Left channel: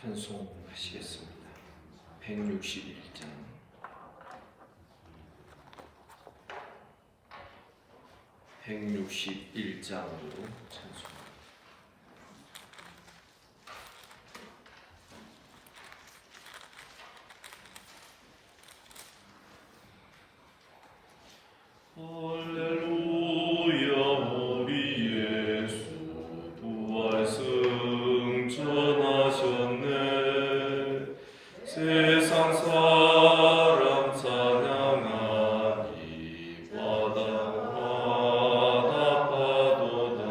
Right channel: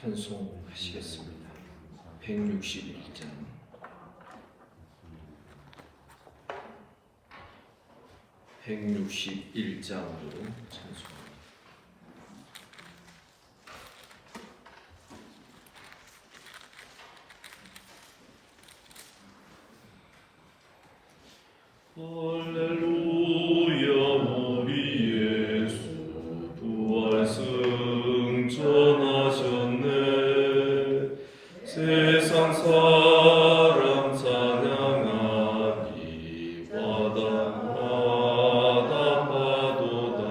찬송하시겠습니다. 161장 (161장으로) 찬송합니다. 할렐루야 우리 예수 부활 승천하셨네. 세상 사람 찬양하니 바다마다 파도다.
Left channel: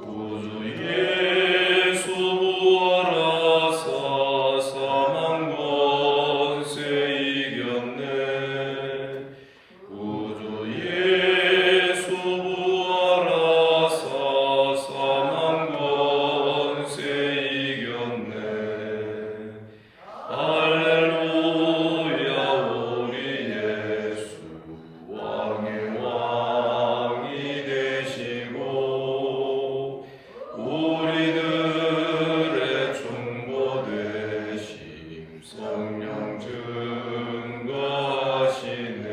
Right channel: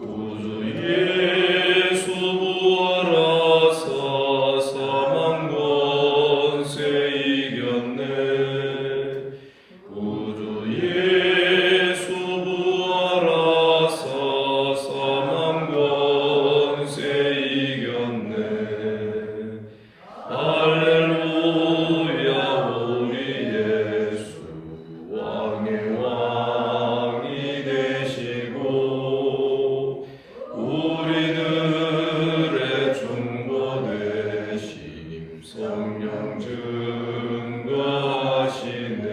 구주 예수 부활하사 사망 권세 이겼네. 구주 예수 부활하사 사망 권세 이겼네. 할렐루야 우리 예수 왕의 왕이 되시고 우리들의 중보 되심 성령 증거하시네.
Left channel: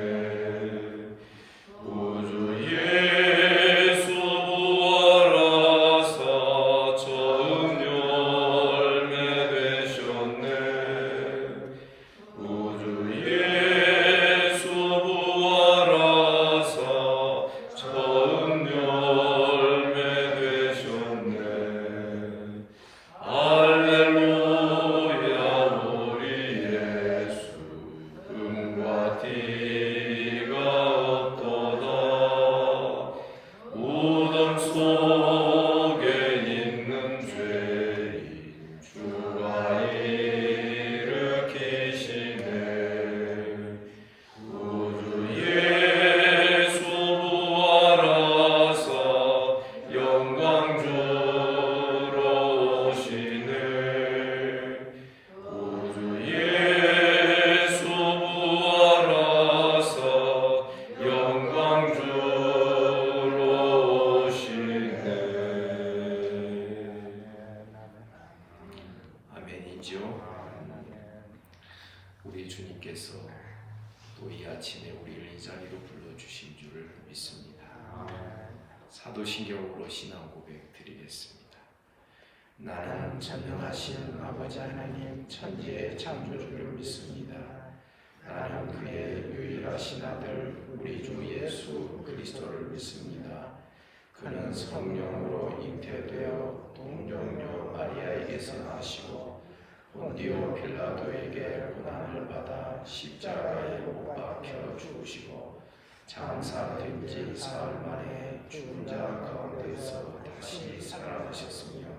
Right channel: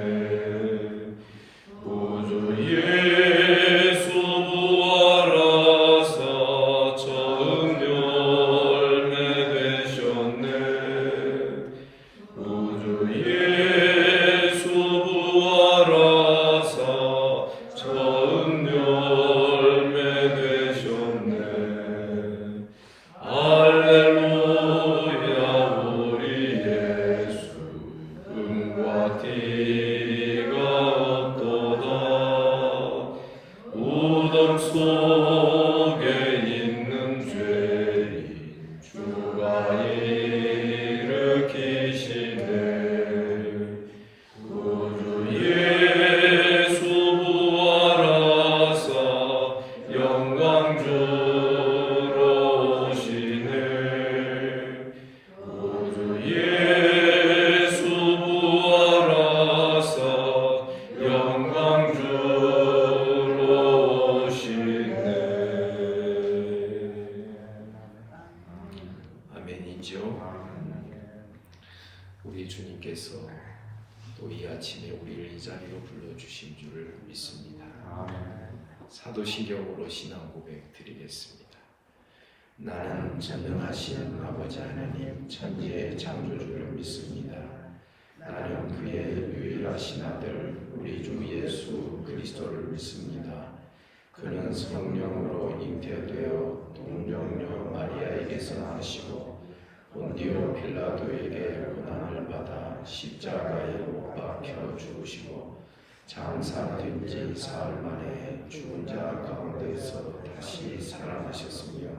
구주 예수 부활하사 처음 열매 되셨네. 구주 예수 부활하사 처음 열매 되셨네. 할렐루야 우리 예수 금과 티가 없도다. 우덕 속에 있는 죄인 주가 일으키시네. 구주 예수 부활하사 영광 주러 오시네. 구주 예수 부활하사 영광 주러 오시네. 아멘이죠. 우리 주님께서 또 이 아침에 우리를 이 자리로 불러주신 줄을 믿습니다. 사도신경으로 신앙 고백 드리겠습니다. 나는 전능하신 아버지 하나님 천지의 창조주를 믿습니다. 나는 그의 유일하신 아들 우리 주 예수 그리스도를 믿습니다. 그는 성령으로 잉태되어 동정녀 마리아에게서 나시고 본디오 빌라도에게 고난을 받아 십자가에 못 박혀 죽으시고 장사된 지 사흘 만에 죽은 자 가운데서 다시 살아나셨으며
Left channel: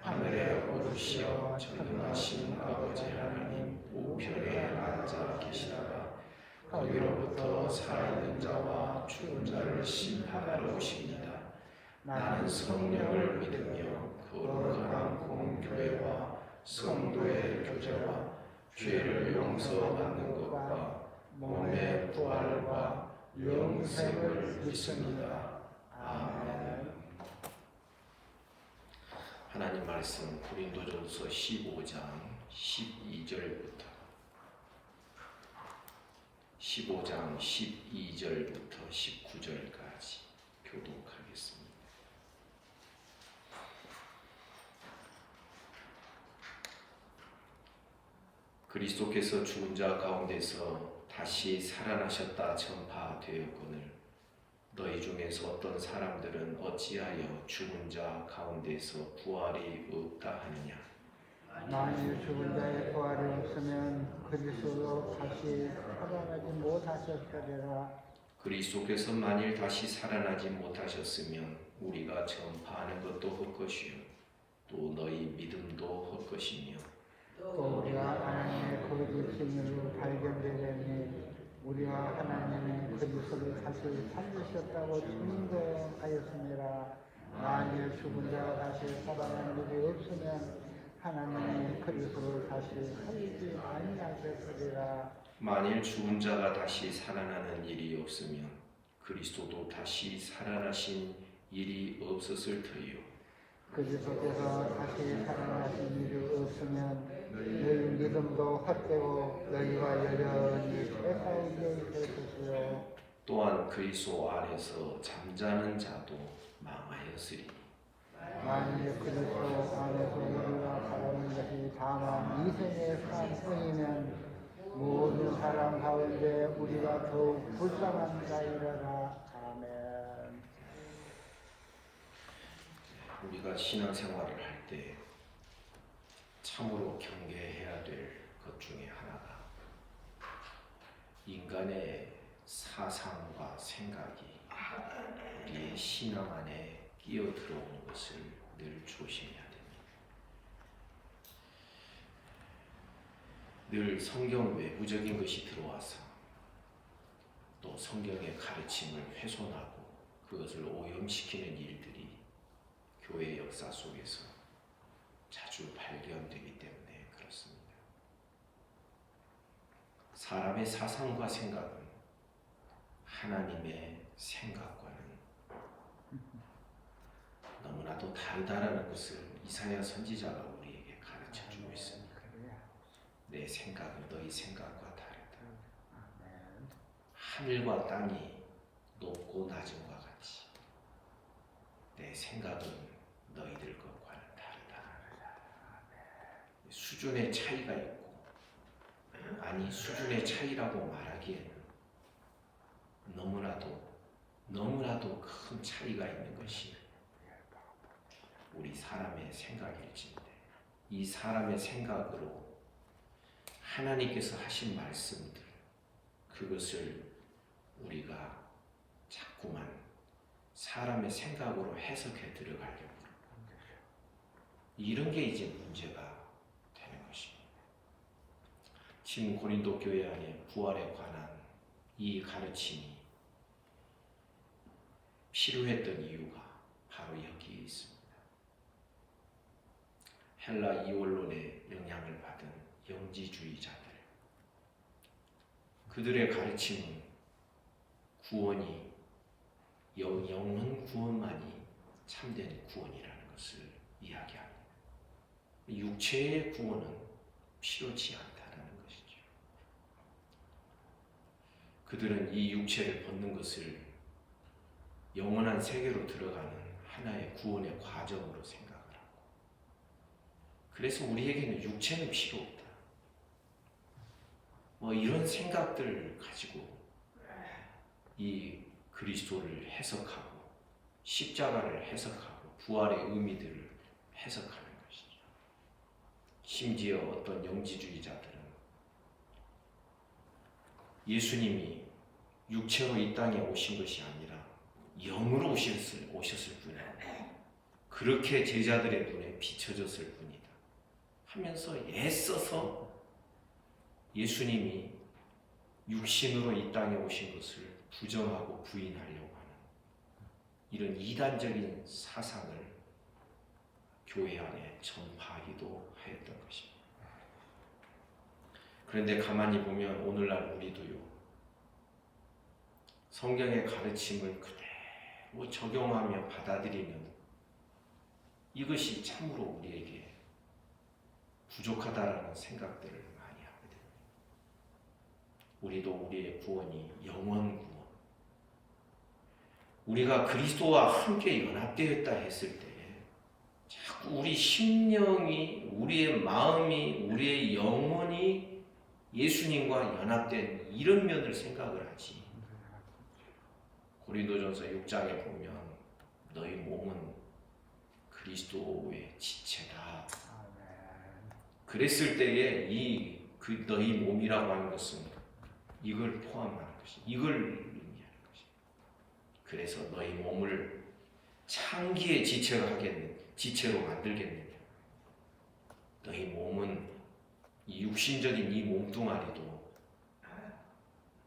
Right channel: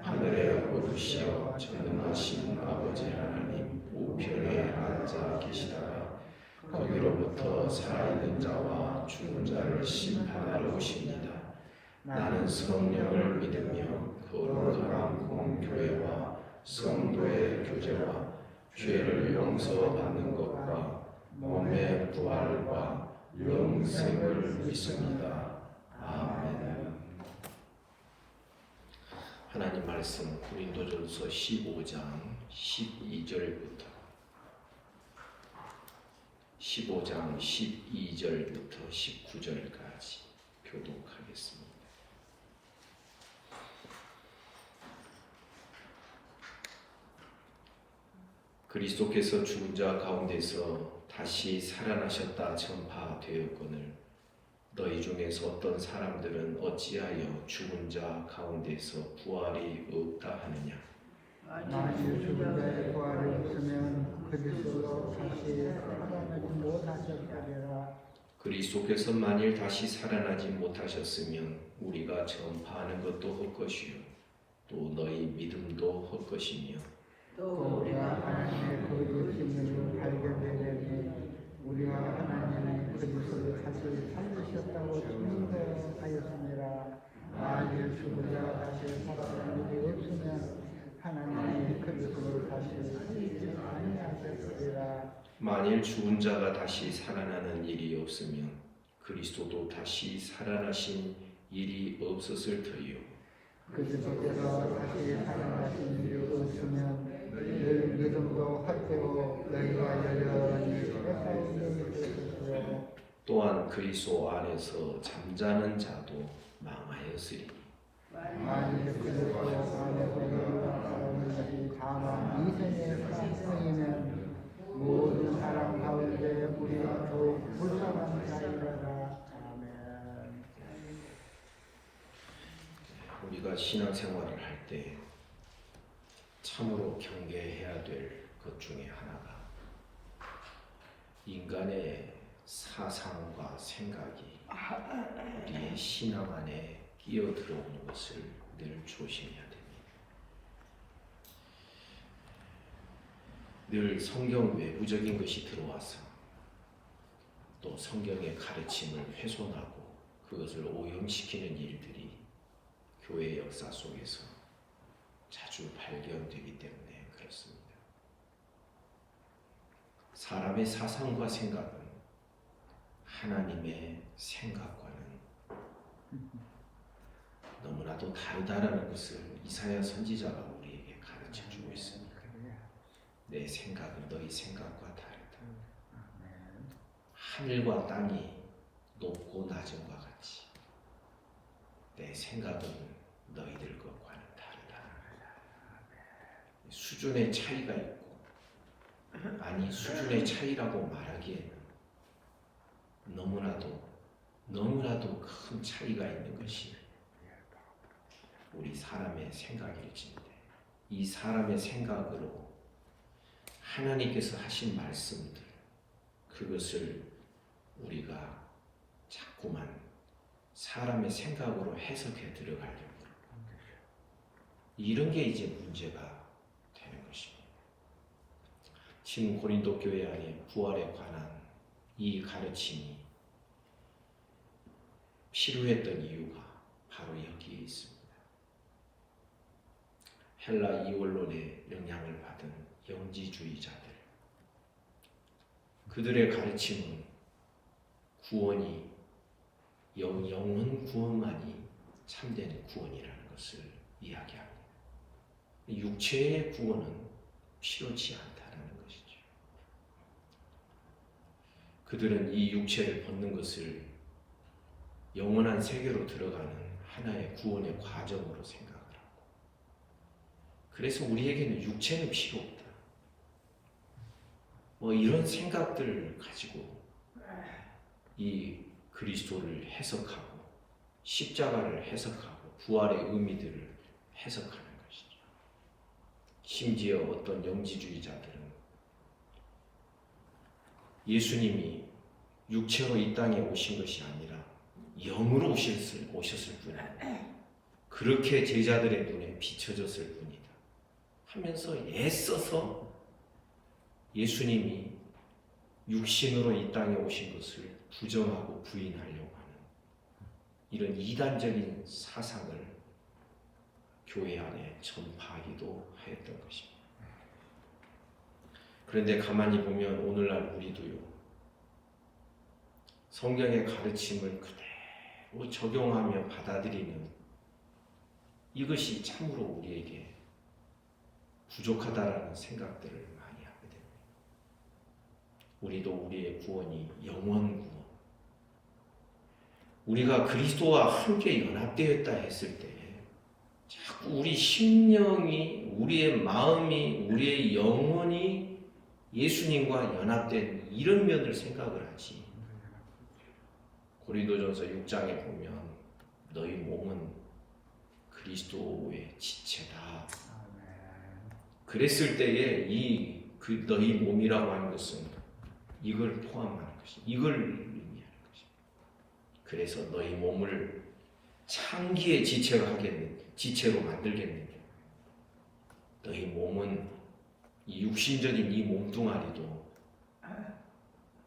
하늘에 오르시어 전능하신 아버지 하나님 우편에 앉아 계시다가 거기로부터 살아있는 자와 죽은 자를 심판하러 오십니다. 나는 성령을 믿으며 거룩한 공교회와 성도의 교제와 죄를 용서받는 것과 몸의 부활과 영생을 믿습니다. 아멘. 하나님 말씀 고린도전서 15장 12절부터 19절까지 교독하겠습니다. 그리스도께서 죽은 자 가운데서 다시 살아나셨다 전파되었거늘 너희 중에서 어떤 사람들은 어찌하여 죽은 자 가운데서 부활이 없다 하느냐. 만일 죽은 자의 부활이 없으면 그리스도 다시 살아나지 못하셨다리라. 그리스도께서 만일 다시 살아나지 못하셨으면 우리가 전파하는 것도 헛것이요 또 너희 믿음도 헛것이며 또 우리가 하나님의 보여주신 일을 발견되려니 우리가 하나님의 그리스도를 다시 살리셨다고 증거하였느니라. 만일 죽은 자가 다시 살아나는 없으면 하나님의 그리스도를 다시 살리지 아니하셨으리라. 만일 죽은 자가 다시 살아나는 일이 없으면 그리스도도 다시 살아나신 일이 없었을 터이요 그리스도께서 다시 살아나신 일을 보시면 너희 믿음도 활대로 너희가 열려는 것을 또한 그리스도 안에서 잠자는 자도 망하였으리. 만일 그리스도께서 너희와 살아계시 다만 이생의 성령은 모든 사람 가운데 우리가 더욱 불쌍한 자이라. 아멘. 우리가 신앙생활을 할 때 참으로 경계해야 될 것 중에 하나가 인간의 사상과 생각이 우리의 신앙 안에 끼어들어오는 것을 늘 조심해야 됩니다. 늘 성경 외부적인 것이 들어와서 또 성경의 가르침을 훼손하고 그것을 오염시키는 일들이 교회의 역사 속에서 자주 발견되기 때문에 그렇습니다. 사람의 사상과 생각은 하나님의 생각과는 너무나도 다르다라는 것을 이사야 선지자가 우리에게 가르쳐주고 있습니다. 내 생각은 너희 생각과 다르다. 하늘과 땅이 높고 낮음과 같이 내 생각은 너희들 것과는 다르다. 수준의 차이가 있고, 아니 수준의 차이라고 말하기에는 너무나도 큰 차이가 있는 것이 우리 사람의 생각일지인데, 이 사람의 생각으로 하나님께서 하신 말씀들, 그것을 우리가 자꾸만 사람의 생각으로 해석해 들어가려고 이런 게 이제 문제가 되는 것입니다. 지금 고린도 교회 안에 부활에 관한 이 가르침이 필요했던 이유가 바로 여기에 있습니다. 헬라 이원론의 영향을 받은 영지주의자들, 그들의 가르침은 구원이 영원 구원만이 참된 구원이라는 것을 이야기합니다. 육체의 구원은 필요치 않다는 것이죠. 그들은 이 육체를 벗는 것을 영원한 세계로 들어가는 하나의 구원의 과정으로 생각을 하고, 그래서 우리에게는 육체는 필요 없다. 이런 생각들을 가지고 이 그리스도를 해석하고 십자가를 해석하고 부활의 의미들을 해석하는 것이죠. 심지어 어떤 영지주의자들은 예수님이 육체로 이 땅에 오신 것이 아니라 영으로 오셨을 뿐이다. 그렇게 제자들의 눈에 비춰졌을 뿐이다 하면서 애써서 예수님이 육신으로 이 땅에 오신 것을 부정하고 부인하려고 하는 이런 이단적인 사상을 교회 안에 전파하기도 하였던 것입니다. 그런데 가만히 보면 오늘날 우리도요, 성경의 가르침을 그대로 적용하며 받아들이는 이것이 참으로 우리에게 부족하다라는 생각들을 많이 하거든요. 우리도 우리의 구원이 영원 구원, 우리가 그리스도와 함께 연합되었다 했을 때 자꾸 우리 심령이, 우리의 마음이, 우리의 영혼이 예수님과 연합된 이런 면을 생각을 하지. 고린도전서 6장에 보면 너희 몸은 그리스도의 지체다. 그랬을 때에 그 너희 몸이라고 하는 것은 이걸 포함하는 것이, 이걸 의미하는 것이. 그래서 너희 몸을 창기의 지체로 만들겠느냐. 너희 몸은 이 육신적인 이 몸뚱아리도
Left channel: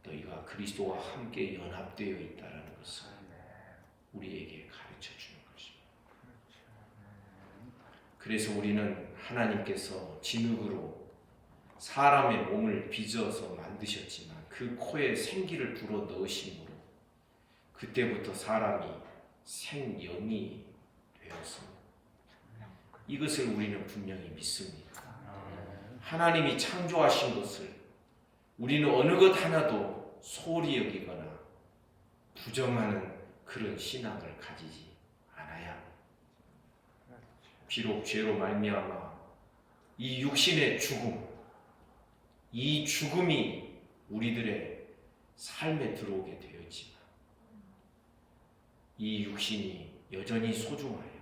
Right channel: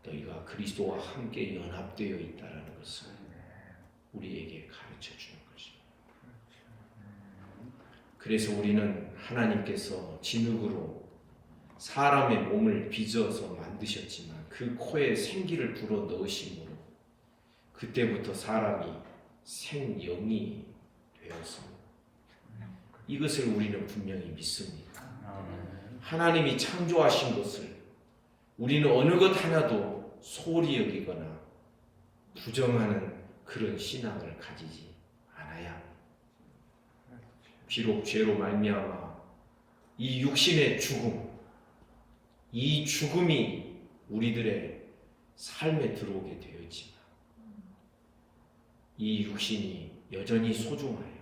너희가 그리스도와 함께 연합되어 있다는 것을 우리에게 가르쳐 주는 것입니다. 그래서 우리는 하나님께서 진흙으로 사람의 몸을 빚어서 만드셨지만 그 코에 생기를 불어 넣으심으로 그때부터 사람이 생영이 되었습니다. 이것을 우리는 분명히 믿습니다. 하나님이 창조하신 것을 우리는 어느 것 하나도 소홀히 여기거나 부정하는 그런 신앙을 가지지 않아야 합니다. 비록 죄로 말미암아 이 육신의 죽음, 이 죽음이 우리들의 삶에 들어오게 되었지만 이 육신이 여전히 소중하여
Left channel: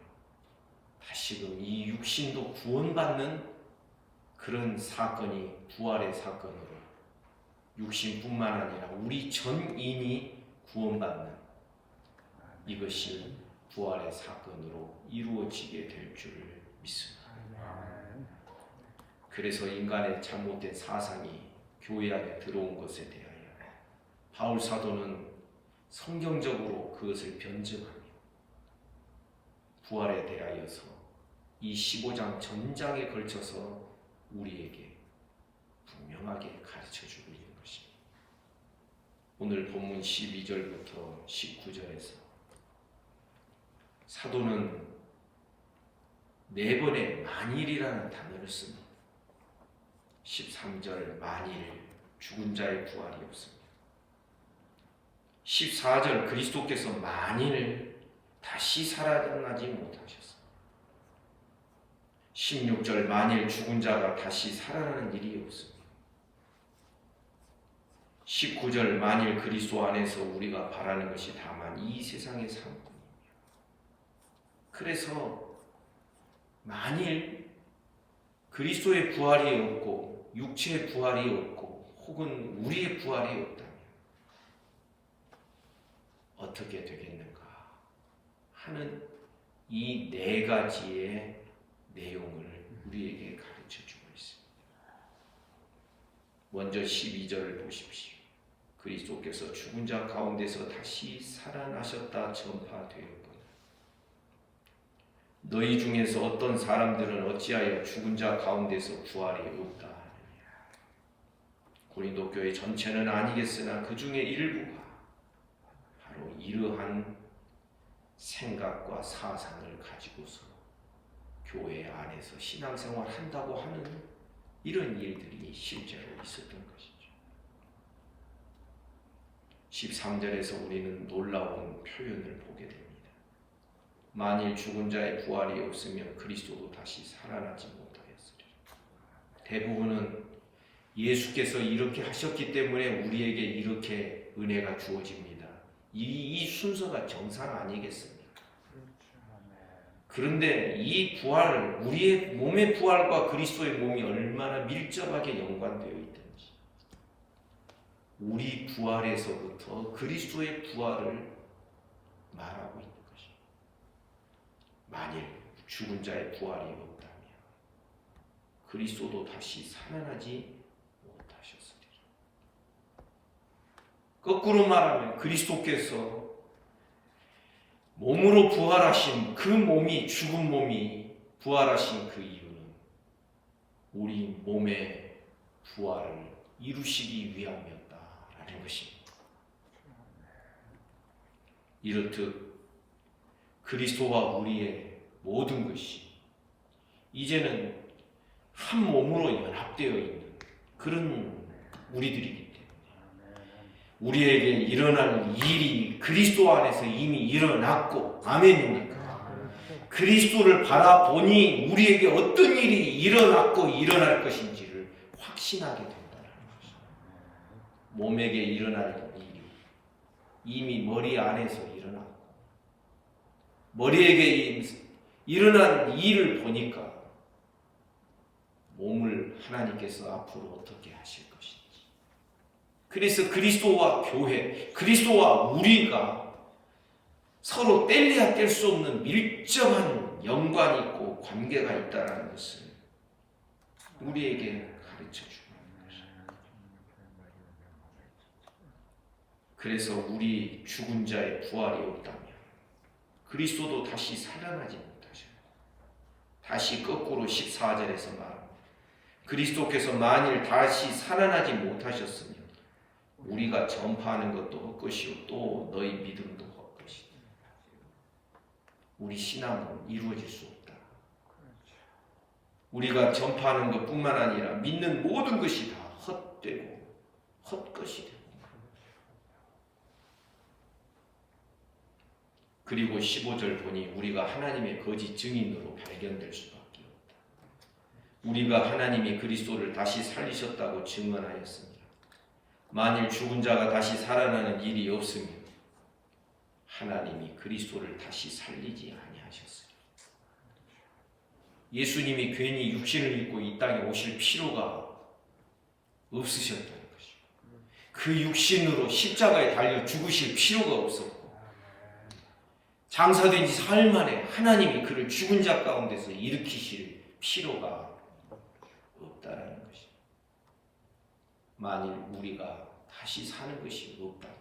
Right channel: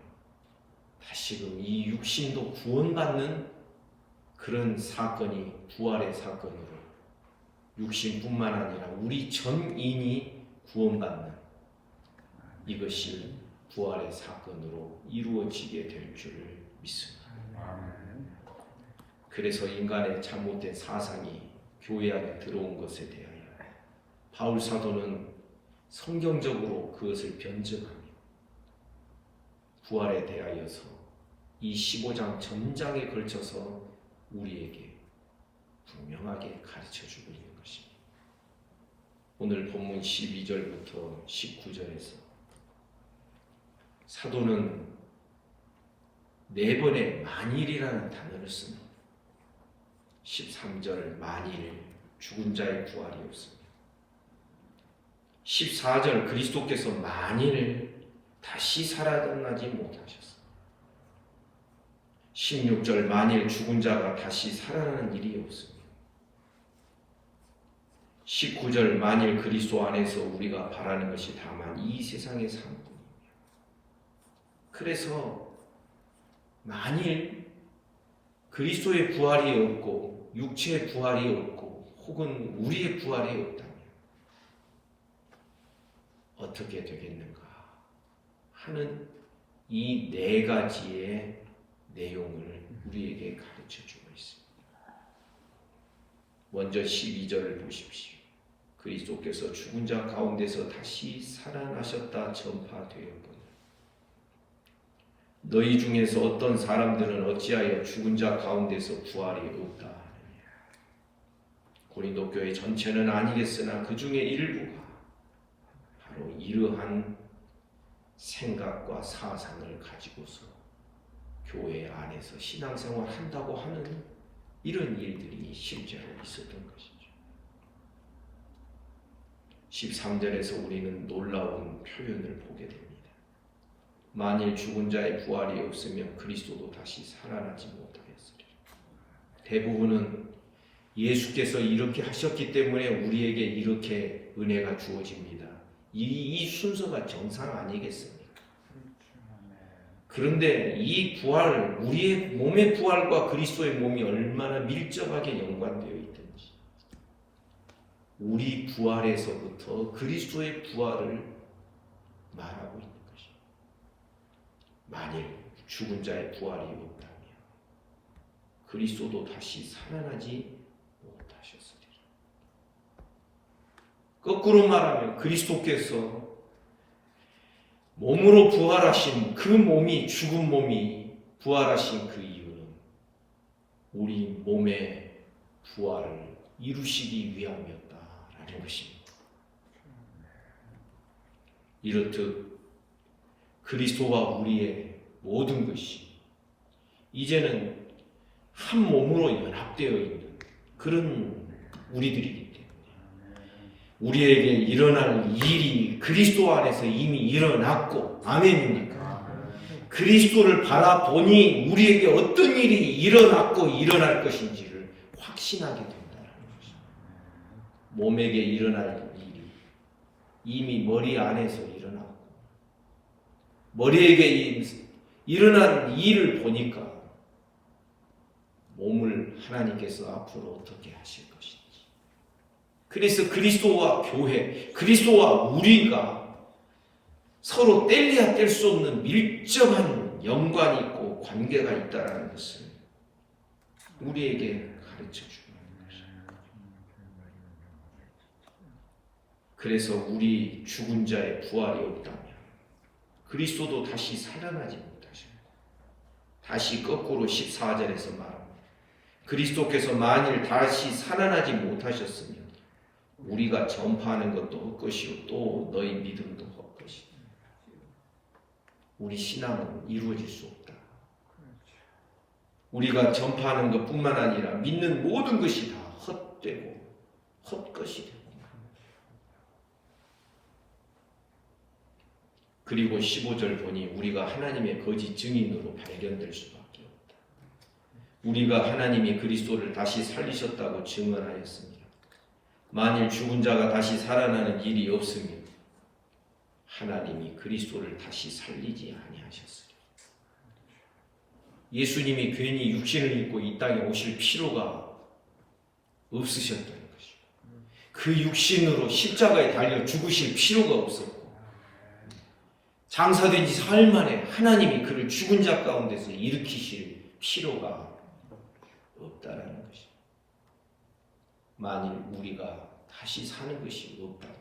다시금 이 육신도 구원받는 그런 사건이 부활의 사건으로 육신뿐만 아니라 우리 전인이 구원받는 이것이 부활의 사건으로 이루어지게 될 줄을 믿습니다. 그래서 인간의 잘못된 사상이 교회 안에 들어온 것에 대하여 바울 사도는 성경적으로 그것을 변증하며 부활에 대하여서 이 15장 전장에 걸쳐서 우리에게 분명하게 가르쳐주고 있는 것입니다. 오늘 본문 12절부터 19절에서 사도는 4번의 만일이라는 단어를 씁니다. 13절 만일 죽은 자의 부활이 없습니다. 14절 그리스도께서 만일 다시 살아나지 못하셨습니다. 16절 만일 죽은 자가 다시 살아나는 일이 없습니다. 19절 만일 그리스도 안에서 우리가 바라는 것이 다만 이 세상의 삶뿐입니다. 그래서 만일 그리스도의 부활이 없고 육체의 부활이 없고 혹은 우리의 부활이 없다면 어떻게 되겠는가 하는 이 4가지의 내용을 우리에게 가르쳐주고 있습니다. 먼저 12절을 보십시오. 그리스도께서 죽은 자 가운데서 다시 살아나셨다 전파되었거늘 너희 중에서 어떤 사람들은 어찌하여 죽은 자 가운데서 부활이 없다 하느냐. 고린도 교회 전체는 아니겠으나 그 중에 일부가 바로 이러한 생각과 사상을 가지고서 교회 안에서 신앙생활 한다고 하는 이런 일들이 실제로 있었던 것이죠. 13절에서 우리는 놀라운 표현을 보게 됩니다. 만일 죽은 자의 부활이 없으면 그리스도도 다시 살아나지 못하였으리라. 대부분은 예수께서 이렇게 하셨기 때문에 우리에게 이렇게 은혜가 주어집니다. 이 순서가 정상 아니겠습니까? 그런데 이 부활, 우리의 몸의 부활과 그리스도의 몸이 얼마나 밀접하게 연관되어 있든지 우리 부활에서부터 그리스도의 부활을 말하고 있는 것입니다. 만일 죽은 자의 부활이 없다면 그리스도도 다시 살아나지 못하셨으리라. 거꾸로 말하면 그리스도께서 몸으로 부활하신 그 몸이 죽은 몸이 부활하신 그 이유는 우리 몸의 부활을 이루시기 위함이었다라는 것입니다. 이렇듯 그리스도와 우리의 모든 것이 이제는 한 몸으로 연합되어 있는 그런 우리들이기 때문에 우리에게 일어날 일이 그리스도 안에서 이미 일어났고 아멘입니까? 그리스도를 바라보니 우리에게 어떤 일이 일어났고 일어날 것인지를 확신하게 된다는 것입니다. 몸에게 일어날 일이 이미 머리 안에서 일어났고 머리에게 일어난 일을 보니까 몸을 하나님께서 앞으로 어떻게 하실 것인지 그래서 그리스도와 교회, 그리스도와 우리가 서로 뗄래야 뗄 수 없는 밀접한 연관이 있고 관계가 있다는 것을 우리에게 가르쳐 주는 것입니다. 그래서 우리 죽은 자의 부활이 없다면 그리스도도 다시 살아나지 못하셨고 다시 거꾸로 14절에서 말합니다. 그리스도께서 만일 다시 살아나지 못하셨으면 우리가 전파하는 것도 헛것이요 또 너희 믿음도 헛것이다. 우리 신앙은 이루어질 수 없다. 우리가 전파하는 것뿐만 아니라 믿는 모든 것이 다 헛되고 헛것이 되고, 그리고 15절 보니 우리가 하나님의 거짓 증인으로 발견될 수밖에 없다. 우리가 하나님이 그리스도를 다시 살리셨다고 증언하였습니다. 만일 죽은 자가 다시 살아나는 일이 없으면 하나님이 그리스도를 다시 살리지 아니하셨으리라. 예수님이 괜히 육신을 입고 이 땅에 오실 필요가 없으셨다는 것이죠. 그 육신으로 십자가에 달려 죽으실 필요가 없었고, 장사된 지 사흘 만에 하나님이 그를 죽은 자 가운데서 일으키실 필요가 없다라는 것이죠. 만일 우리가 다시 사는 것이 없다면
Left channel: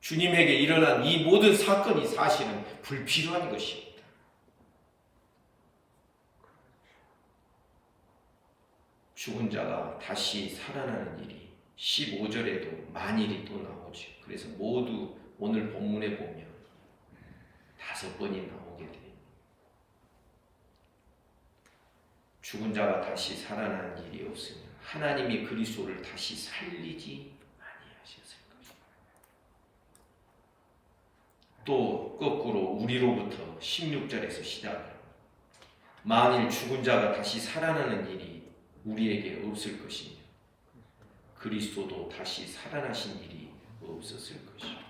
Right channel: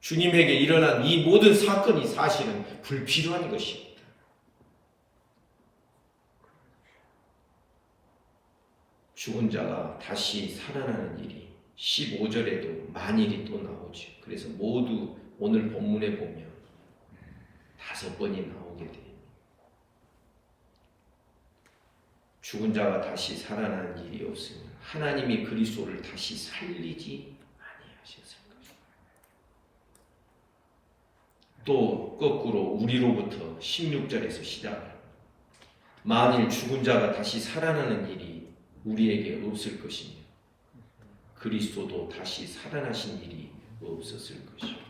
주님에게 일어난 이 모든 사건이 사실은 불필요한 것입니다. 죽은 자가 다시 살아나는 일이 15절에도 만일이 또 나오죠. 그래서 모두 오늘 본문에 보면 5번이 나오게 돼요. 죽은 자가 다시 살아나는 일이 없으면 하나님이 그리스도를 다시 살리지 아니하셨을 것이다. 또 거꾸로 우리로부터 16절에서 시작합니다. 만일 죽은 자가 다시 살아나는 일이 우리에게 없을 것이며 그리스도도 다시 살아나신 일이 없었을 것이요.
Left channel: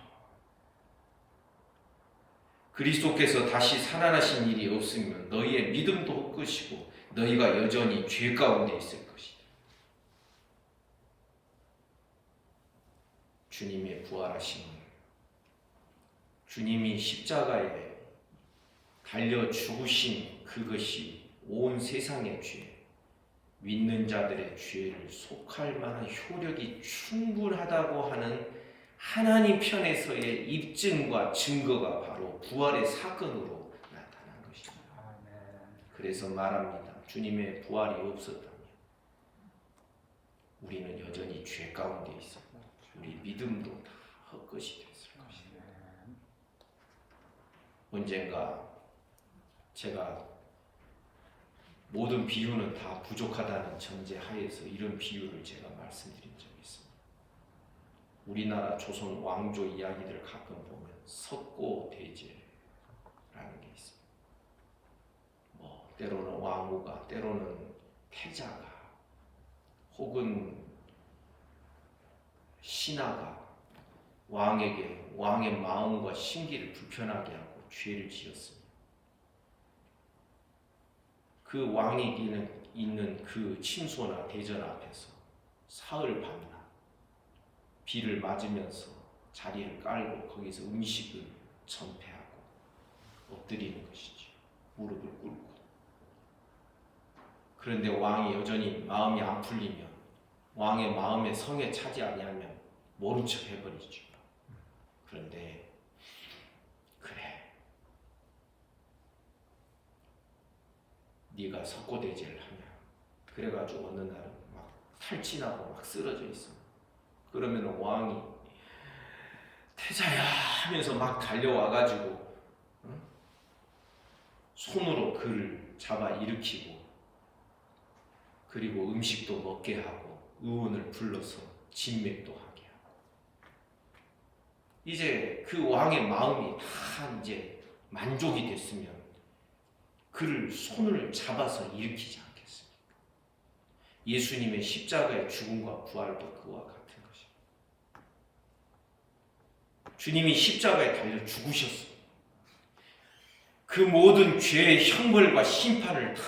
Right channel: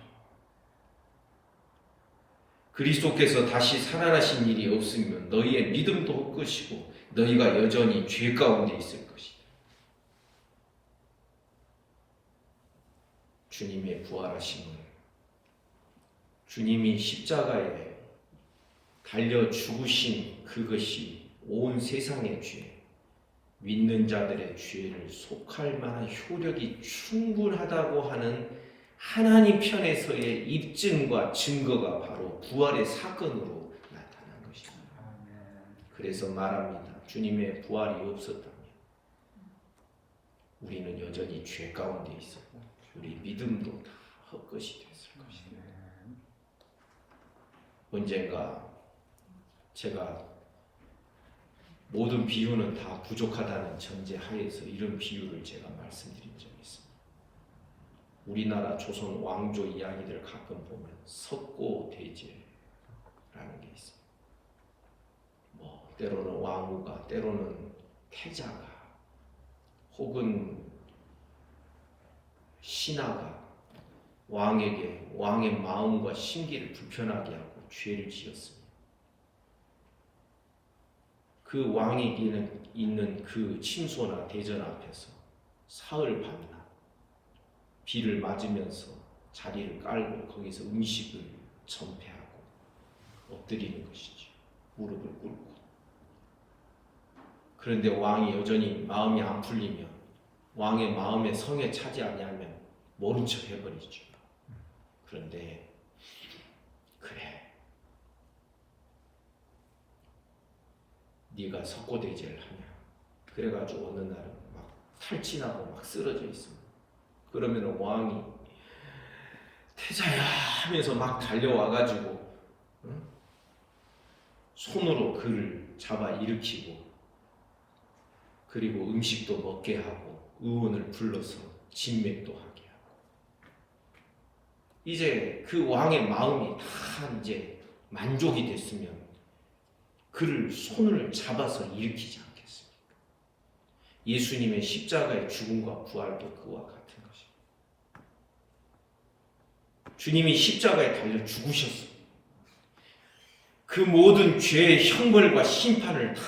그리스도께서 다시 살아나신 일이 없으면 너희의 믿음도 헛것이고 너희가 여전히 죄 가운데 있을 것이다. 주님의 부활하심은 주님이 십자가에 달려 죽으신 그것이 온 세상의 죄, 믿는 자들의 죄를 속할 만한 효력이 충분하다고 하는 하나님 편에서의 입증과 증거가 바로 부활의 사건으로 나타난 것입니다. 그래서 말합니다. 주님의 부활이 없었다면 우리는 여전히 죄 가운데 있었고 우리 믿음도 다 헛것이 됐을 것입니다. 언젠가 제가 모든 비유는 다 부족하다는 전제 하에서 이런 비유를 제가 말씀드린 적이 있습니다. 우리나라 조선 왕조 이야기들 가끔 보면 석고대제라는 게 있습니다. 때로는 왕후가, 때로는 태자가, 혹은 신하가 왕에게 왕의 마음과 심기를 불편하게 하고 죄를 지었습니다. 그 왕에게 있는 그 침소나 대전 앞에서 사흘 밤이나 비를 맞으면서 자리를 깔고 거기서 음식을 전폐하고 엎드리는 것이죠. 무릎을 꿇고. 그런데 왕이 여전히 마음이 안 풀리면, 왕의 마음에 성에 차지 아니하면 모른 척 해버리죠. 그런데 그래, 네가 석고대제를 하냐. 그래가지고 어느 날은 막 탈진하고 막 쓰러져 있어. 그러면 왕이 태자야 하면서 막 달려와가지고 손으로 그를 잡아 일으키고, 그리고 음식도 먹게 하고 의원을 불러서 진맥도 하게 하고, 이제 그 왕의 마음이 다 이제 만족이 됐으면 그를 손을 잡아서 일으키지 않겠습니까? 예수님의 십자가의 죽음과 부활도 그와 같은 것입니다. 주님이 십자가에 달려 죽으셨어요. 그 모든 죄의 형벌과 심판을 다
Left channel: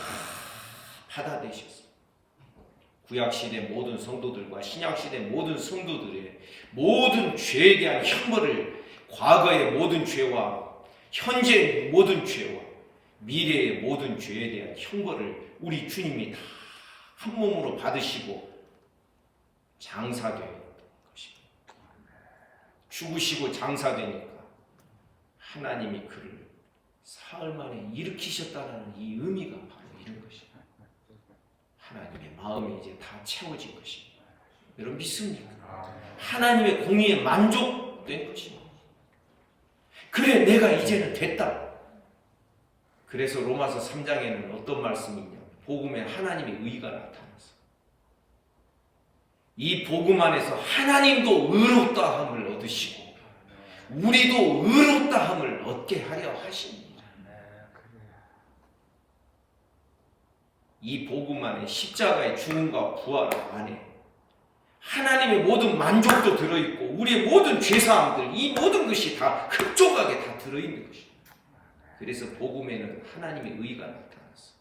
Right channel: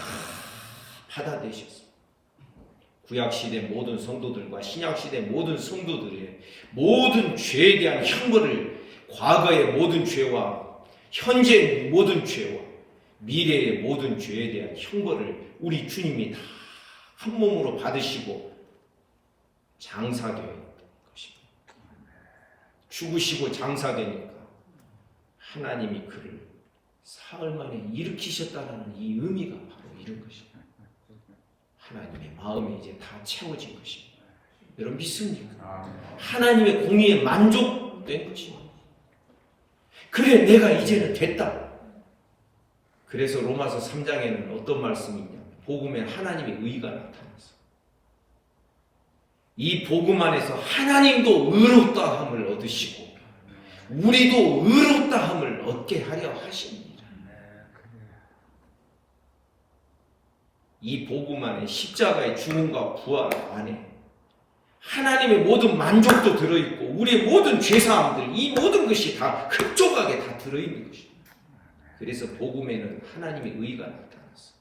받아내셨어요. 구약시대 모든 성도들과 신약시대 모든 성도들의 모든 죄에 대한 형벌을, 과거의 모든 죄와 현재의 모든 죄와 미래의 모든 죄에 대한 형벌을 우리 주님이 다 한 몸으로 받으시고 장사되었던 것입니다. 죽으시고 장사되니까 하나님이 그를 사흘 만에 일으키셨다는 이 의미가 바로 이런 것입니다. 하나님의 마음이 이제 다 채워진 것입니다. 여러분 믿습니까? 하나님의 공의에 만족된 것입니다. 그래, 내가 이제는 됐다. 그래서 로마서 3장에는 어떤 말씀이 있냐? 복음엔 하나님의 의가 나타났어. 이 복음 안에서 하나님도 의롭다함을 얻으시고 우리도 의롭다함을 얻게 하려 하십니다. 이 복음 안에 십자가의 죽음과 부활 안에 하나님의 모든 만족도 들어있고 우리의 모든 죄사함들 이 모든 것이 다 흡족하게 다 들어있는 것입니다. 그래서 복음에는 하나님의 의가 나타났어.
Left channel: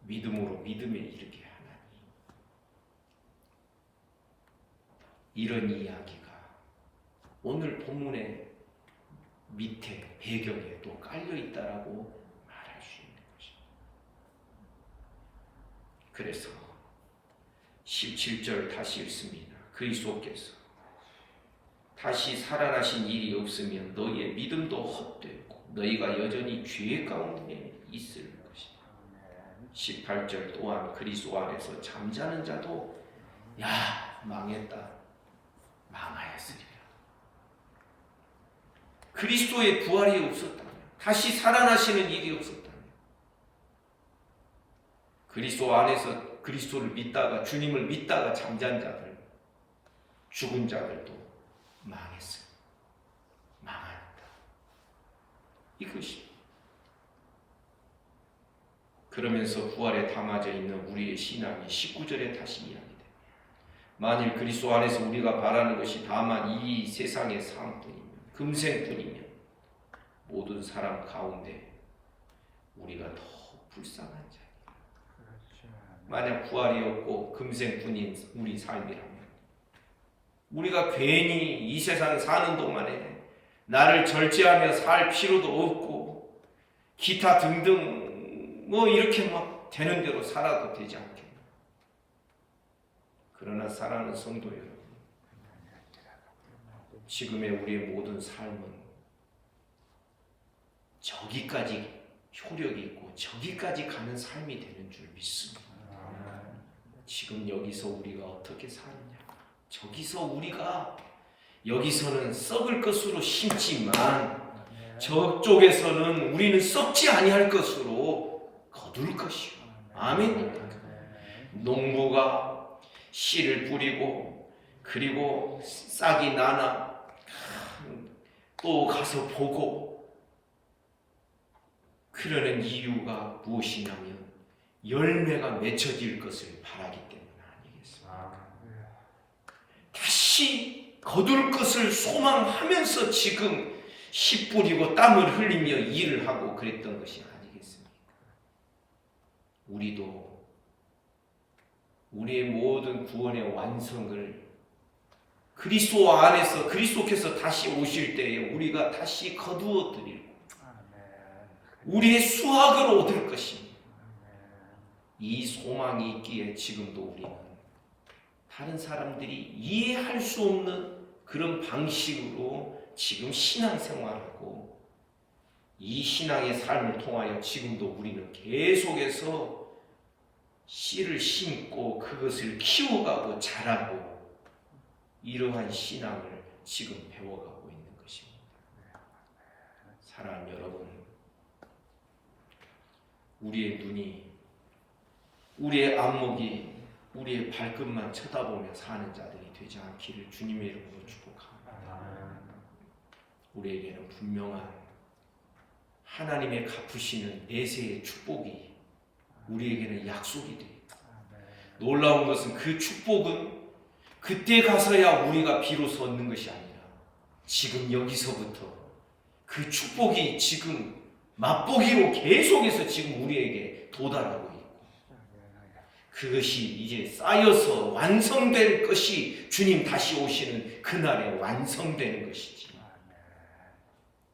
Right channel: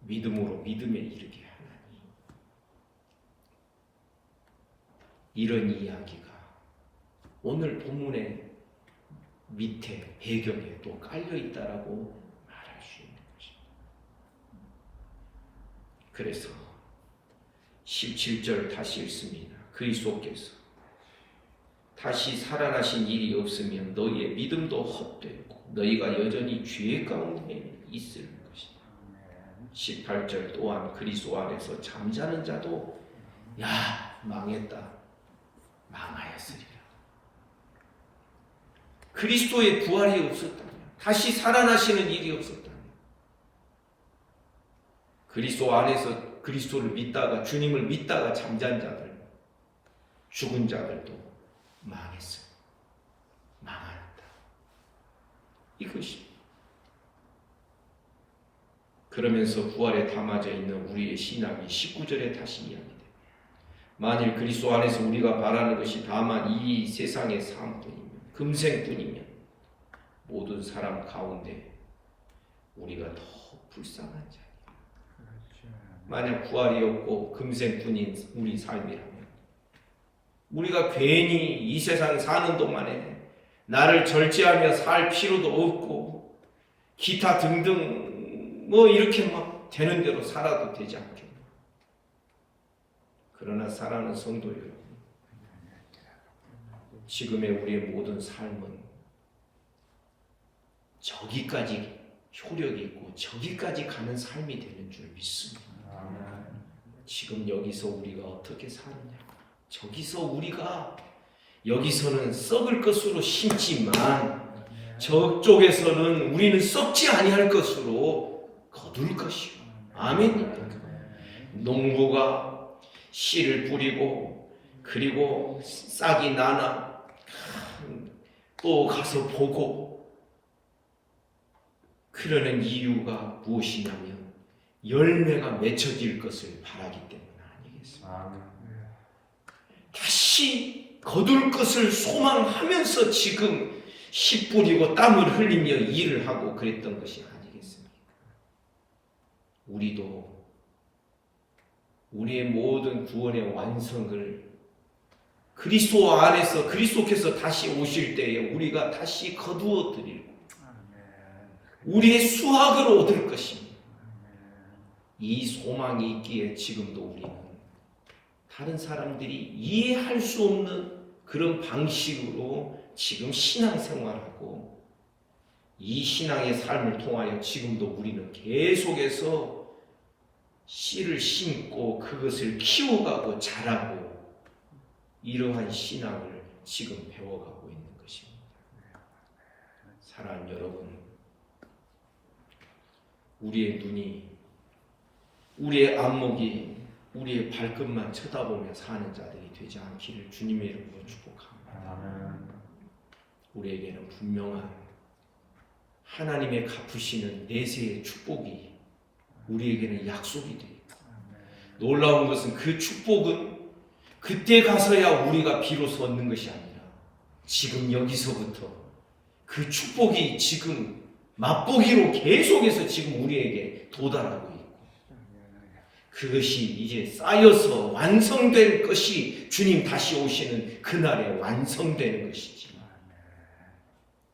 믿음으로 믿음에 이르게 하나니. 이런 이야기가 오늘 본문의 밑에 배경에 또 깔려있다라고 말할 수 있는 것입니다. 그래서 17절 다시 읽습니다. 그리스도께서 다시 살아나신 일이 없으면 너희의 믿음도 헛되고 너희가 여전히 죄 가운데 있을 것이다. 18절 또한 그리스도 안에서 잠자는 자도 야 망했다 망하였으리라. 그리스도의 부활이 없었다면 다시 살아나시는 일이 없었다면 그리스도 안에서 그리스도를 믿다가 주님을 믿다가 잠잔 자들 죽은 자들도 망했어요. 망하였다. 이것이 그러면서 부활에 담아져 있는 우리의 신앙이 19절에 다시 이야기합니다. 만일 그리스도 안에서 우리가 바라는 것이 다만 이 세상의 삶뿐이면 금생뿐이면 모든 사람 가운데 우리가 더 불쌍한 자. 만약 부활이 없고 금생뿐인 우리 삶이라면 우리가 괜히 이 세상 사는 동안에 나를 절제하며 살 필요도 없고 기타 등등 뭐 이렇게 막 되는 대로 살아도 되지 않겠나. 그러나 사랑하는 성도 여러분, 지금의 우리의 모든 삶은 저기까지 효력이 있고 저기까지 가는 삶이 되는 줄 믿습니다. 지금 여기서 우리가 어떻게 사느냐. 저기서 우리가 여기서는 썩을 것으로 심지만 저쪽에서는 우리는 썩지 아니할 것으로 거둘 것이요. 아멘. 농부가 씨를 뿌리고 그리고 싹이 나나 또 가서 보고 그러는 이유가 무엇이냐면 열매가 맺혀질 것을 바라기 때문 아니겠습니까? 다시 거둘 것을 소망하면서 지금 씨 뿌리고 땀을 흘리며 일을 하고 그랬던 것이 아니겠습니까? 우리도 우리의 모든 구원의 완성을 그리스도 안에서 그리스도께서 다시 오실 때에 우리가 다시 거두어 드리고 우리의 수확을 얻을 것입니다. 이 소망이 있기에 지금도 우리는 다른 사람들이 이해할 수 없는 그런 방식으로 지금 신앙생활하고 이 신앙의 삶을 통하여 지금도 우리는 계속해서 씨를 심고 그것을 키워가고 자라고 이러한 신앙을 지금 배워가고 있는 것입니다. 사랑하는 여러분, 우리의 눈이 우리의 안목이 우리의 발끝만 쳐다보며 사는 자들이 되지 않기를 주님의 이름으로 축복합니다. 우리에게는 분명한 하나님의 갚으시는 내세의 축복이 우리에게는 약속이 됩니다. 놀라운 것은 그 축복은 그때 가서야 우리가 비로소 얻는 것이 아니라 지금 여기서부터 그 축복이 지금 맛보기로 계속해서 지금 우리에게 도달하고 있고 그것이 이제 쌓여서 완성된 것이 주님 다시 오시는 그날에 완성되는 것이지.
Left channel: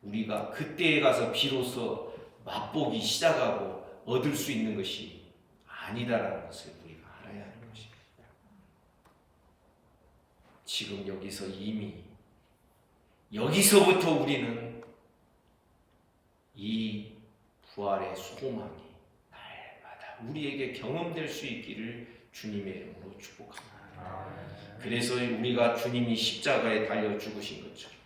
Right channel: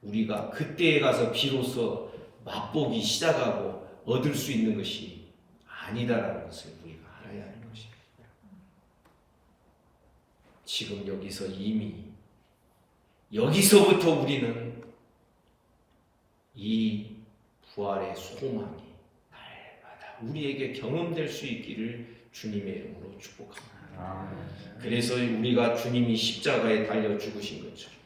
우리가 그때에 가서 비로소 맛보기 시작하고 얻을 수 있는 것이 아니다라는 것을 우리가 알아야 하는 것입니다. 지금 여기서 이미 여기서부터 우리는 이 부활의 소망이 날마다 우리에게 경험될 수 있기를 주님의 이름으로 축복합니다. 그래서 우리가 주님이 십자가에 달려 죽으신 것처럼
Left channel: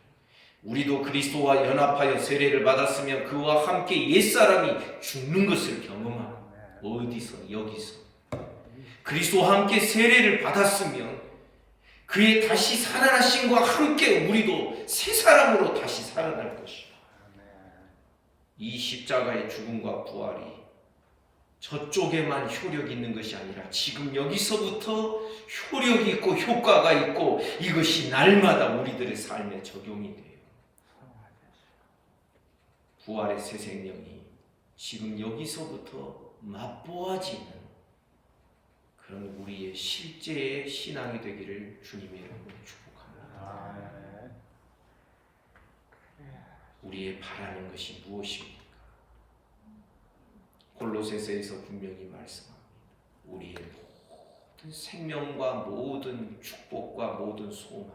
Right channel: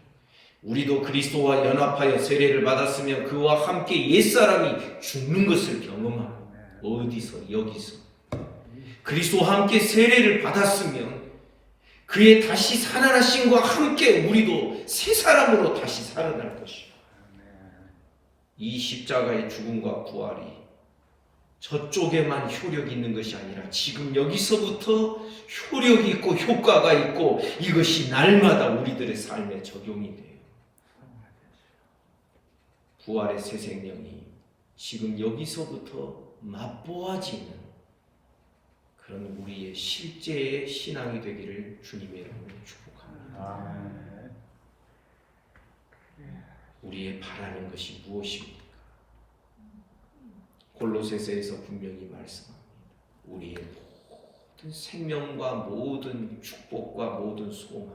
우리도 그리스도와 연합하여 세례를 받았으면 그와 함께 옛사람이 죽는 것을 경험하고, 어디서? 여기서 그리스도와 함께 세례를 받았으면 그의 다시 살아나심과 함께 우리도 새 사람으로 다시 살아날 것이다. 이 십자가의 죽음과 부활이 저쪽에만 효력이 있는 것이 아니라 지금 여기서부터 효력이 있고 효과가 있고 이것이 날마다 우리들의 삶에 적용이 돼요. 부활의 새 생명이 지금 여기서부터 맛보아지는 그런 우리의 실제의 신앙이 되기를 주님의 이름으로 축복합니다. 우리의 바라는 것이 무엇입니까? 골로새서에서 분명히 말씀합니다. 우리의 모든 생명과 모든 축복과 모든 소망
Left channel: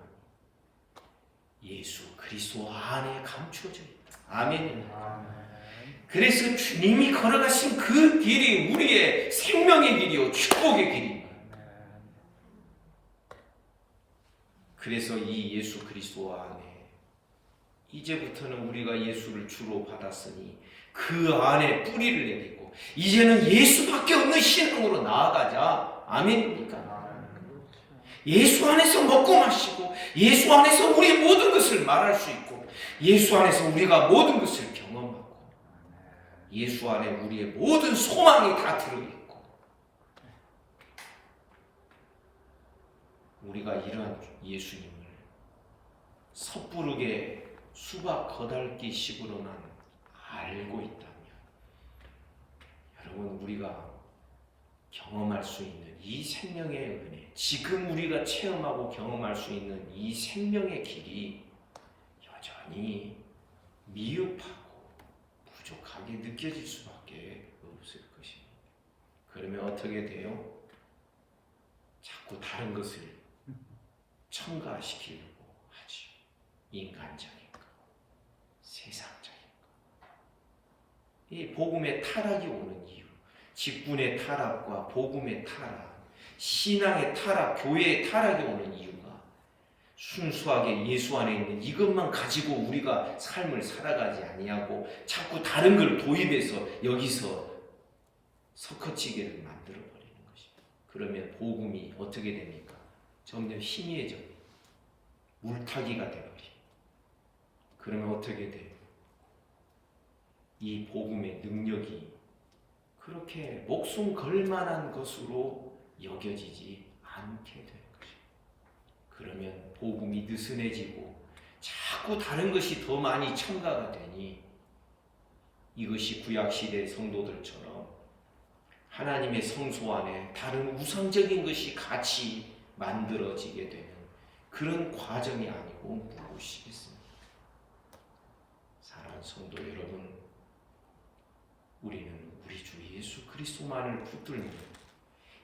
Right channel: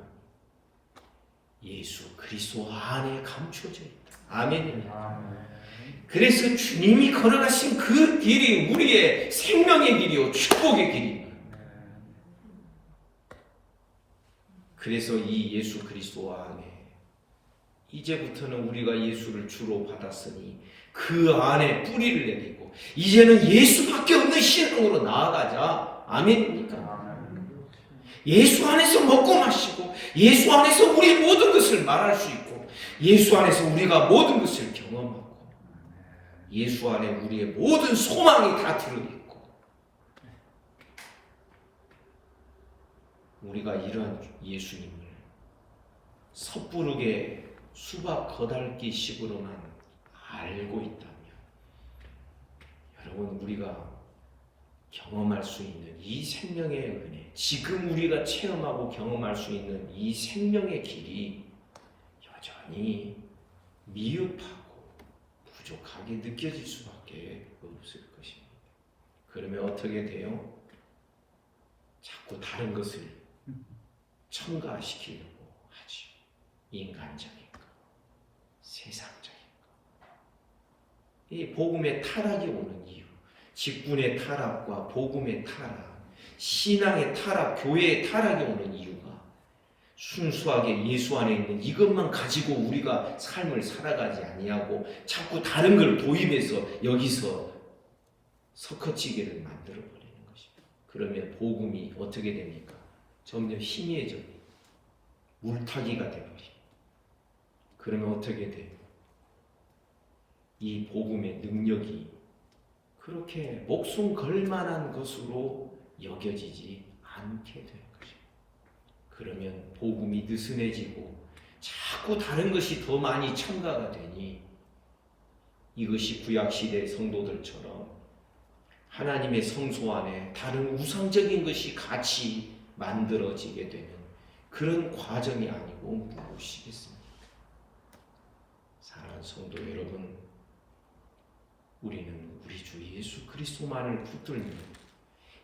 예수 그리스도 안에 감춰져 있다. 아멘입니다. 그래서 주님이 걸어가신 그 길이 우리의 생명의 길이요 축복의 길입니다. 그래서 이 예수 그리스도 안에 이제부터는 우리가 예수를 주로 받았으니 그 안에 뿌리를 내리고 이제는 예수밖에 없는 신앙으로 나아가자. 아멘입니까? 예수 안에서 먹고 마시고 예수 안에서 우리 모든 것을 말할 수 있고 예수 안에서 우리가 모든 것을 경험하고 예수 안에 우리의 모든 소망이 다 들어있고 우리가 이러한 예수님을 섣부르게 수박 거달기 식으로만 알고 있다면 여러분 우리가 경험할 수 있는 이 생명의 은혜 지금 우리가 체험하고 경험할 수 있는 이 생명의 길이 여전히 미흡하고 부족하게 느껴질 수밖에 없을 것입니다. 그러면 어떻게 돼요? 자꾸 다른 것을 첨가시키려고 하지. 인간적인가 세상적인가 이 복음의 타락이 오는 이유 직분의 타락과 복음의 타락 신앙의 타락 교회의 타락이 오는 이유가 순수하게 예수 안에 있는 이것만 가지고 우리가 삶을 살아가지 아니하고 자꾸 다른 걸 도입해서 여기서 섞어치기를 만들어버리는 것입니다. 그러면 복음이 어떻게 됩니까? 점점 희미해져 물타기가 되어버립니다. 그러면 어떻게 돼요? 이 복음의 능력이 그렇게 목숨 걸 만한 것으로 여겨지지 않게 되는 것입니다. 그러면 복음이 느슨해지고 자꾸 다른 것이 더 많이 첨가가 되니 이것이 구약시대 성도들처럼 하나님의 성소 안에 다른 우상적인 것이 같이 만들어지게 되는 그런 과정이 아니고 무엇이겠습니까? 사랑하는 성도 여러분, 우리는 우리 주 예수 그리스도만을 붙들며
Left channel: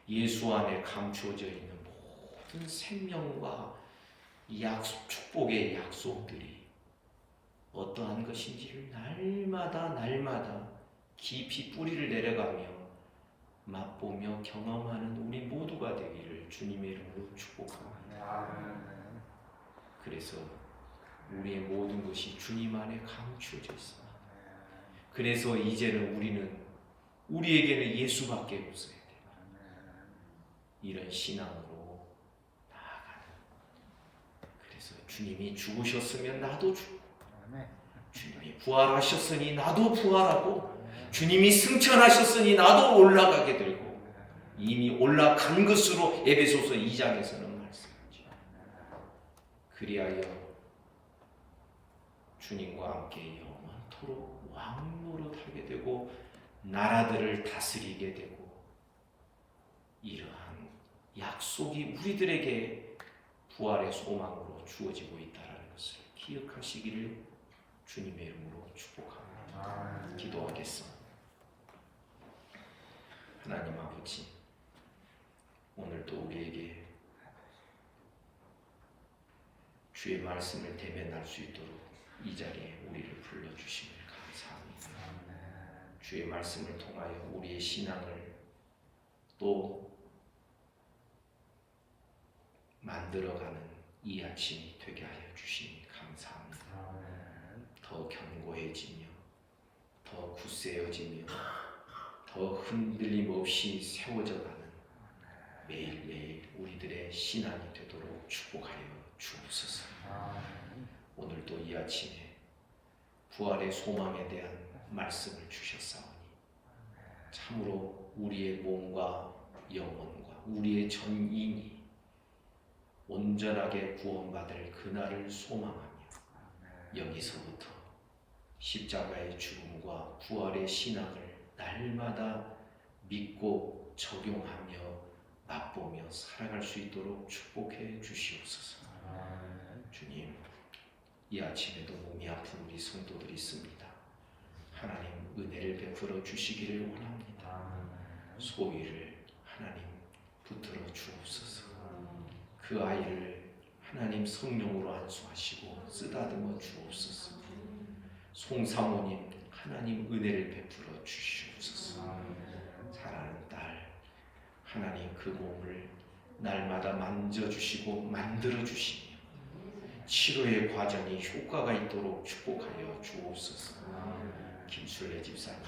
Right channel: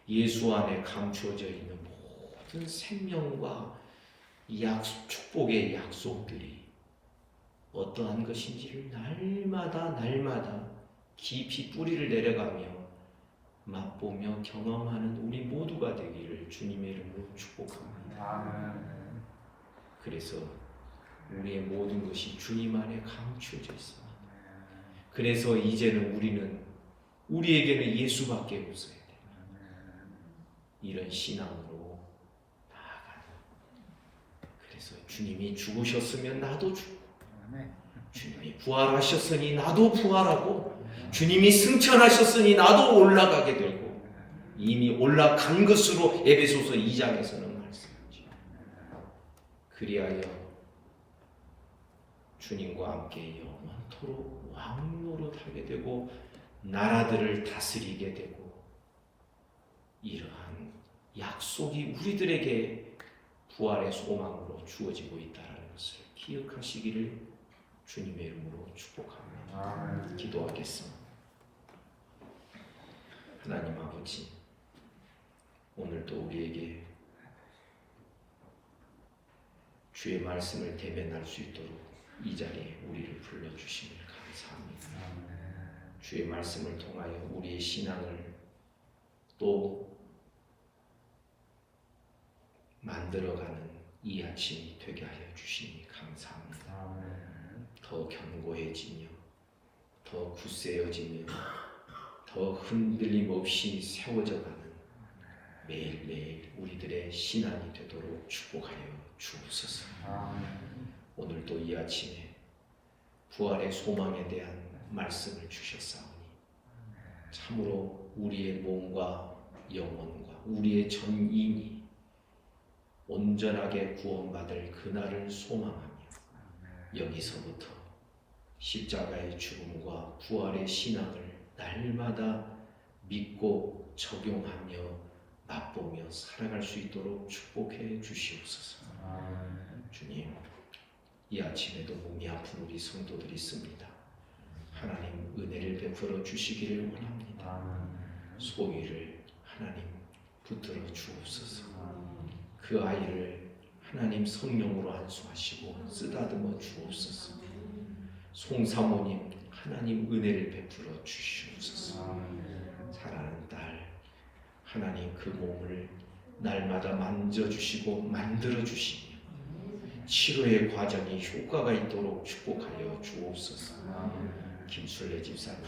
예수 안에 감추어져 있는 모든 생명과 축복의 약속들이 어떠한 것인지를 날마다 깊이 뿌리를 내려가며 맛보며 경험하는 우리 모두가 되기를 주님의 이름으로 축복합니다. 그래서 우리의 모든 것이 주님 안에 감추어져 있습니다. 그래서 이제는 우리에게는 예수밖에 없어야 돼요. 이런 신앙으로 나아가는. 그래서 주님이 죽으셨으면 나도 죽고 주님이 부활하셨으니 나도 부활하고 주님이 승천하셨으니 나도 올라가게 되고 이미 올라간 것으로 에베소서 2장에서는 말씀하죠. 그리하여 주님과 함께 영원토록 왕노릇하게 되고 나라들을 다스리게 되고 이러한 약속이 우리들에게 부활의 소망으로 주어지고 있다는 것을 기억하시기를 주님의 이름으로 축복합니다. 기도하겠습니다. 하나님 아버지, 오늘도 우리에게 주의 말씀을 대면할 수 있도록 이 자리에 우리를 불러주심을 감사합니다. 주의 말씀을 통하여 우리의 신앙을 또 만들어가는 이 아침이 되게 하여 주시니 감사합니다. 더 견고해지며 더 굳세어지며 더 흔들림 없이 세워져가는 매일매일 우리들의 신앙이 되도록 축복하여 주옵소서. 오늘도 이 아침에 부활의 소망에 대한 말씀을 주셨사오니 참으로 우리의 몸과 영혼과 우리의 전인이 온전하게 구원받을 그날을 소망하며 여기서부터 십자가의 죽음과 부활의 신앙을 날마다 믿고 적용하며 맛보며 살아갈 수 있도록 축복해 주시옵소서. 주님, 이 아침에도 몸이 아픈 우리 성도들이 있습니다. 하나님 은혜를 베풀어 주시기를 원합니다. 소위를 하나님 붙들어 주옵소서. 그 아이를 하나님 성령으로 안수하시고 쓰다듬어 주옵소서. 송사모님 하나님 은혜를 베풀어 주시옵소서. 사랑하는 딸 하나님 그 몸을 날마다 만져주시고 만들어주시며 치료의 과정이 효과가 있도록 축복하여 주옵소서. 김순례 집사님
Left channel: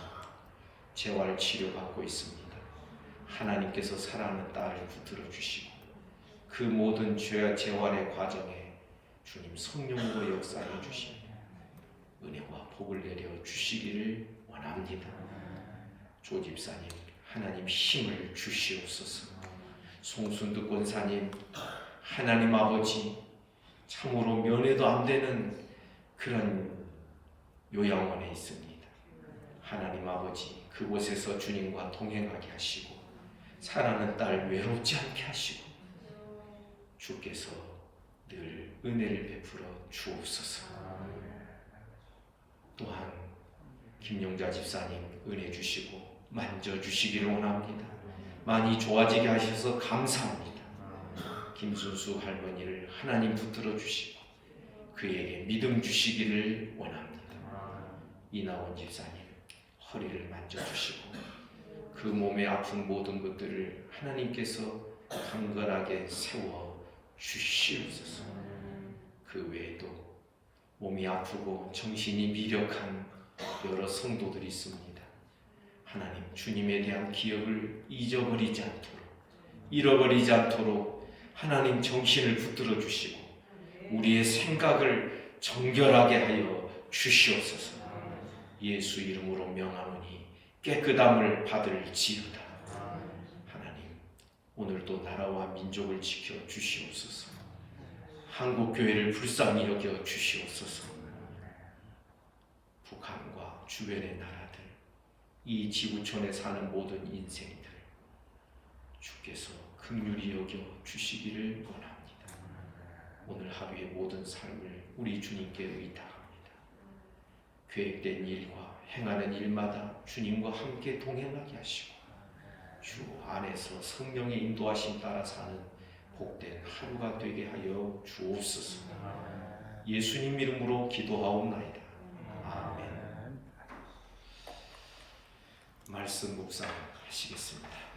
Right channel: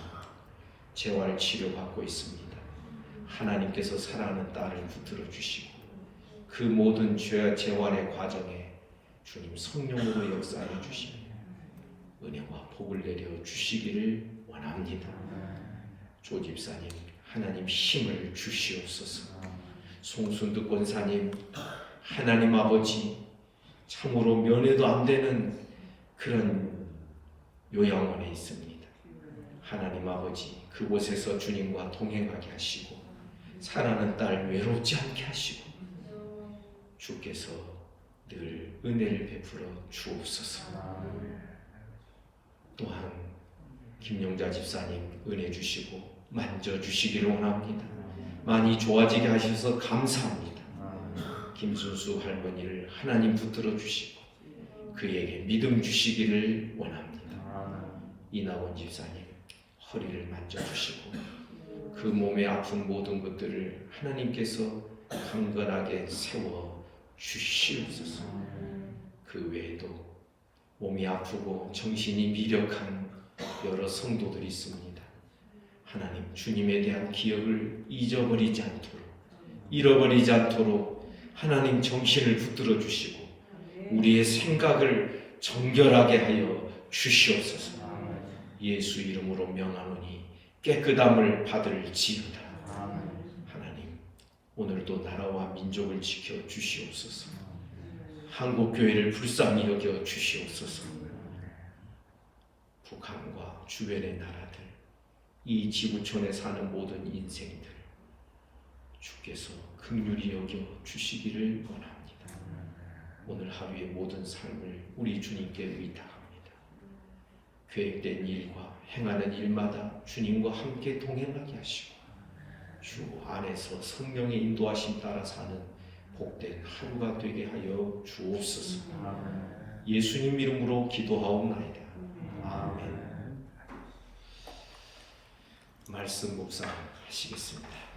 재활 치료받고 있습니다. 하나님께서 사랑하는 딸을 붙들어 주시고 그 모든 죄와 재활의 과정에 주님 성령으로 역사해 주시며 은혜와 복을 내려 주시기를 원합니다. 조 집사님 하나님 힘을 주시옵소서. 송순득 권사님 하나님 아버지 참으로 면회도 안 되는 그런 요양원에 있습니다. 하나님 아버지 그곳에서 주님과 동행하게 하시고 사랑하는 딸 외롭지 않게 하시고 주께서 늘 은혜를 베풀어 주옵소서. 또한 김용자 집사님 은혜 주시고 만져주시기를 원합니다. 많이 좋아지게 하셔서 감사합니다. 김순수 할머니를 하나님 붙들어 주시고 그에게 믿음 주시기를 원합니다. 이나원 집사님 허리를 만져주시고 그 몸에 아픈 모든 것들을 하나님께서 강건하게 세워 주시옵소서. 그 외에도 몸이 아프고 정신이 미력한 여러 성도들이 있습니다. 하나님 주님에 대한 기억을 잊어버리지 않도록 잃어버리지 않도록 하나님 정신을 붙들어 주시고 우리의 생각을 정결하게 하여 주시옵소서. 예수 이름으로 명하노니 깨끗함을 받을지어다. 하나님 오늘도 나라와 민족을 지켜 주시옵소서. 한국교회를 불쌍히 여겨 주시옵소서. 북한과 주변의 나라들 이 지구촌에 사는 모든 인생들 주께서 긍휼히 여겨 주시기를 원합니다. 오늘 하루의 모든 삶을 우리 주님께 의탁합니다. 계획된 일과 행하는 일마다 주님과 함께 동행하게 하시고 주 안에서 성령의 인도하심 따라 사는 복된 하루가 되게 하여 주옵소서. 예수님 이름으로 기도하옵나이다. 아멘. 말씀 묵상하시겠습니다.